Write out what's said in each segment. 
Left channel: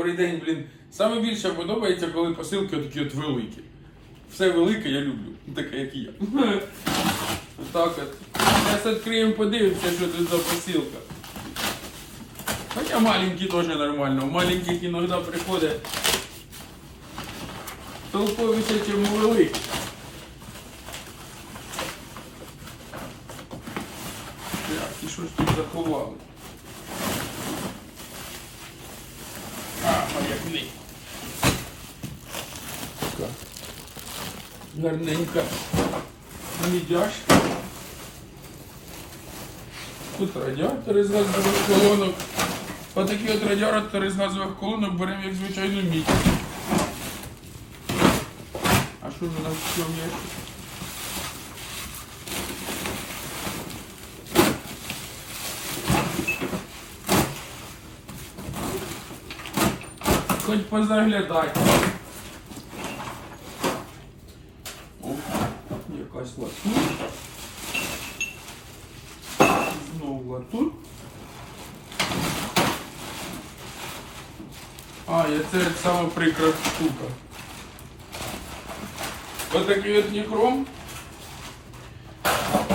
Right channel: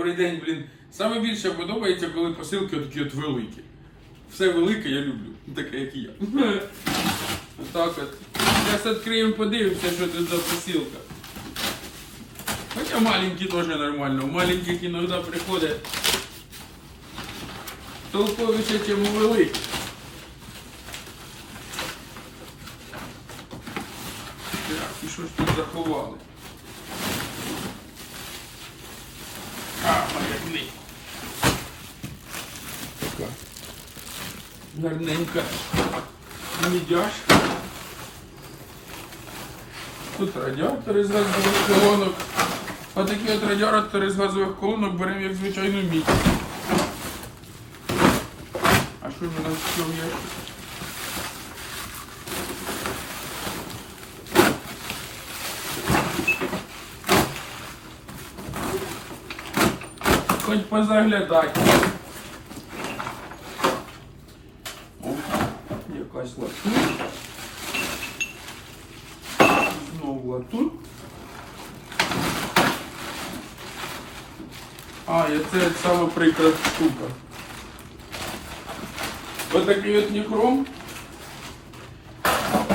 Добрий день, блін. Саме більше подобається, коли посилки такі от великі. Все велике я люблю, таке як і я. Отак от. Зараз відкриємо, подивимося, що тут за посилка. Хоча маленькі теж нормально. У маленьких іноді приходить толковіше, ніж у. Так, і що ж тут заховали? Книга. Така. Гарненька. Тут радіатори з газових колонок. Отакі от радіатори з газових колонок беремо як звичайну мідь. А що ж у нас в цьому є? Хоч позаглядати. О, якась латунь. Знову латунь. А, і це саме прикра штука. Отакий от ніхром.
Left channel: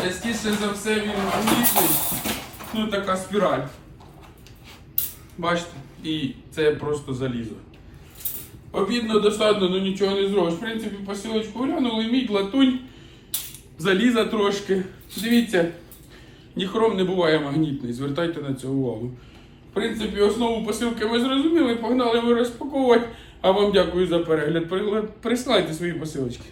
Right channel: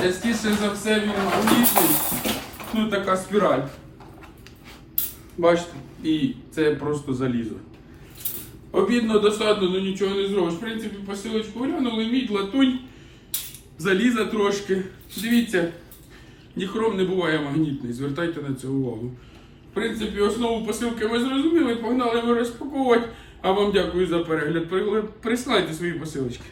Частіше за все він магнітний. Тут така спіраль. Бачите? І це просто залізо. Обідно, досадно, ну нічого не зробиш. В принципі, посилочку глянули, мідь, латунь, заліза трошки. Дивіться, ніхром не буває магнітний, звертайте на це увагу. В принципі, основу посилки ми зрозуміли, погнали ми розпаковувати. А вам дякую за перегляд. Присилайте свої посилочки.